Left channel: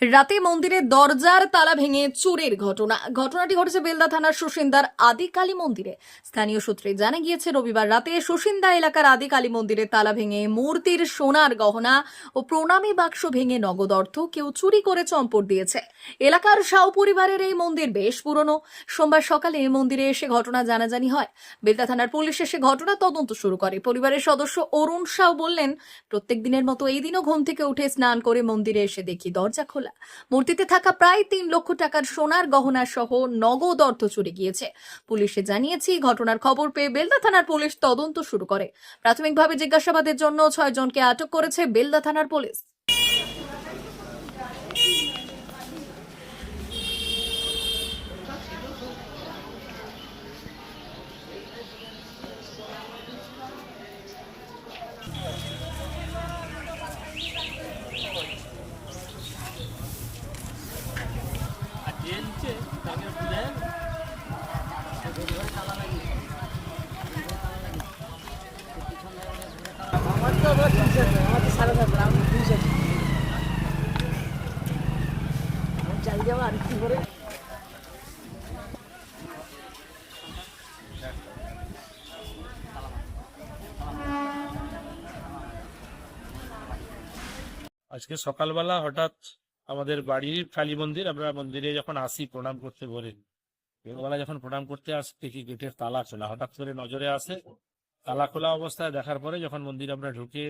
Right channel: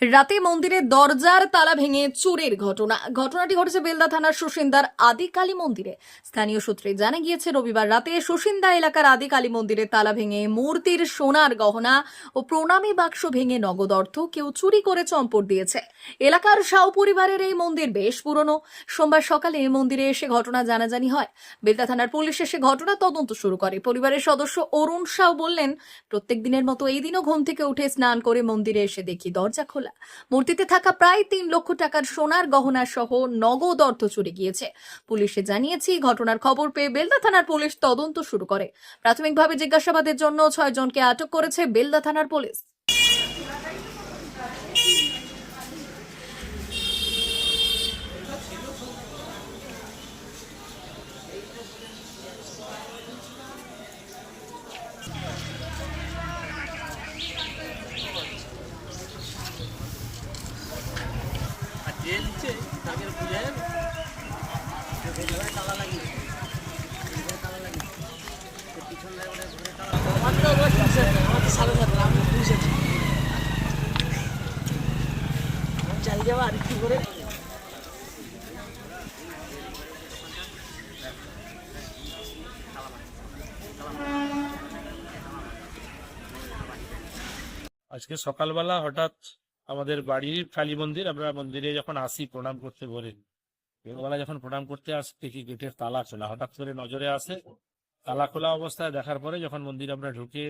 রাতে মন্দিরের দরজার তালা ভেঙে চোরের ঘটনা। ঘটনাটি ঘটেছে বেলদা থানার সুসিন্দার আদি কালী মন্দিরে। স্থানীয় সূত্রে জানা গিয়েছে, রবিবার রাতে সুসিন্দা এলাকার আদি কালী মন্দিরের তালা ভেঙে মূর্তির সোনার গহনা ও প্রণামী বাক্স ভেঙে নগদ অর্থ কেউ চুরি করে চম্পট দিয়েছে। এলাকার সাউ পরিবারের এই মন্দির বেশ পুরনো। সোমবার সকালে এই মন্দিরে এসে ঘটনা জানাজানি হয়। বেলদা থানার পুলিশ এসে ঘটনা তদন্ত শুরু করে। পরিবারের সদস্য অরুণ সাউ বললেন, প্রত্যেক দিনের মতো এই দিনও ঘুম থেকে উঠে স্নান করে মন্দিরে এসে দেখি দরজা খোলা। মূর্তিতে থাকা প্রায় তিন লক্ষ টাকার সোনার গহনা সহ নগদ অর্থ চুরি গিয়েছে। পুলিশে জানিয়েছি ঘটনার খবর পেয়ে বেলদা থানার পুলিশ তদন্ত শুরু করে। প্রাথমিকভাবে জিজ্ঞাসাবাদের জন্য ছয়জনকে আটক করেছে বেলদা থানার পুলিশ। আজকে সকালবেলা হঠাৎ আমাদের বাড়ির কালী মন্দির আমরা মন্দিরে যখন আসি প্রণাম করতে বলে বেলা যখন প্রণাম করতে আসি দেখি গেটের তালা খোলা। হঠাৎ করে নজরে আসে তালা খোলা অবস্থায় দেখার পরে যখন মন্দির আমরা ঢুকে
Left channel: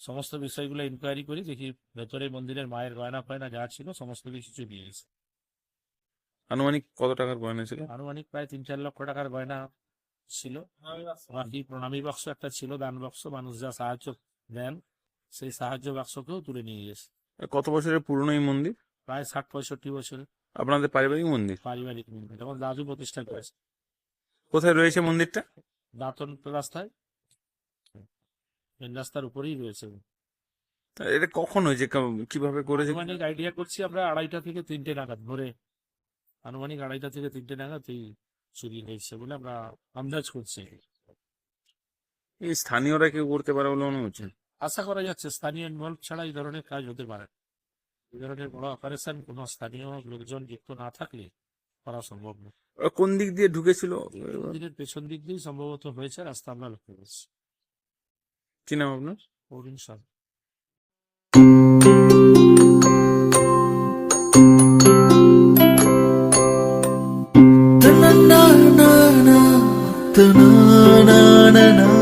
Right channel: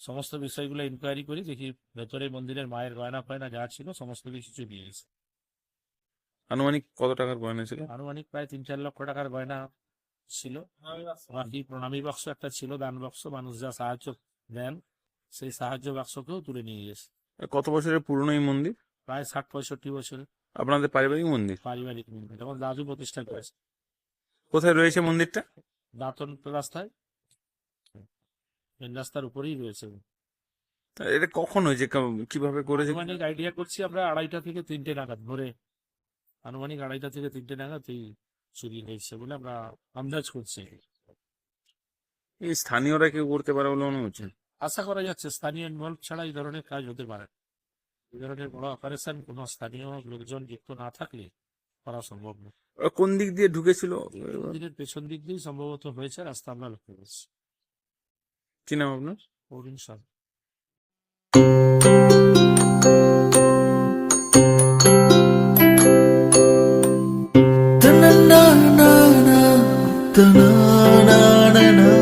সমস্ত বিষয়গুলো ইনকোয়ারি করি দেখি ভেতরে মন্দিরের মায়ের গয়না ফয়না যা ছিল সমস্ত কিছু চুরি গেছে আনুমানিক কত টাকার গয়না ছিল? আনুমানিক প্রায় তিন চার লক্ষ টাকার গয়না ছিল। বাকি প্রণামী বাক্স একটা ছিল দান বাক্স মানুষ যা সাহায্য দেন সেই সাহায্য বাক্সকেও তুলে নিয়ে গেছে। কত বছরের পুরনো এই মন্দির? প্রায় ষাট পঁয়ষট্টি বছরের আপনাদের পারিবারিক মন্দির? পারিবারিক মন্দির তখন দাদু প্রতিষ্ঠা করেছে। কোথায় রয়েছে মন্দিরটা? দাঁতন রাস্তায়। মেন রাস্তার উপরেই রয়েছে। তা এটা কখন হয়েছে? কা- কীভাবে করেছে? আনুমানিক আইডিয়া করছি আমরা আড়াইটা থেকে তিনটে নাগাদ ভোরে। আনুমানিক আড়াইটা থেকে তিনটে নাগাদ এই চুরি হয়েছে বলে আমরা আন্দাজ করছি। এই স্থানীয়রা কেউ করতে পারে বলে মনে হচ্ছে? আশা করা যাচ্ছে স্থানীয় ইনভলভ ছাড়া এই ধরনের কাজ হতে পারে না। ধরনের বড় অপারেশন কোনো স্থানীয় লোকজন যুক্ত না থাকলে করা সম্ভব না। কোন দিক দিয়ে ঢুকেছিল? মন্দিরের পেছন দিক দিয়ে সম্ভবত হয়েছে রাস্তা আমরা লক্ষ্য করছি। কি নাম আপনার? অরুণ সাহা সংবাদ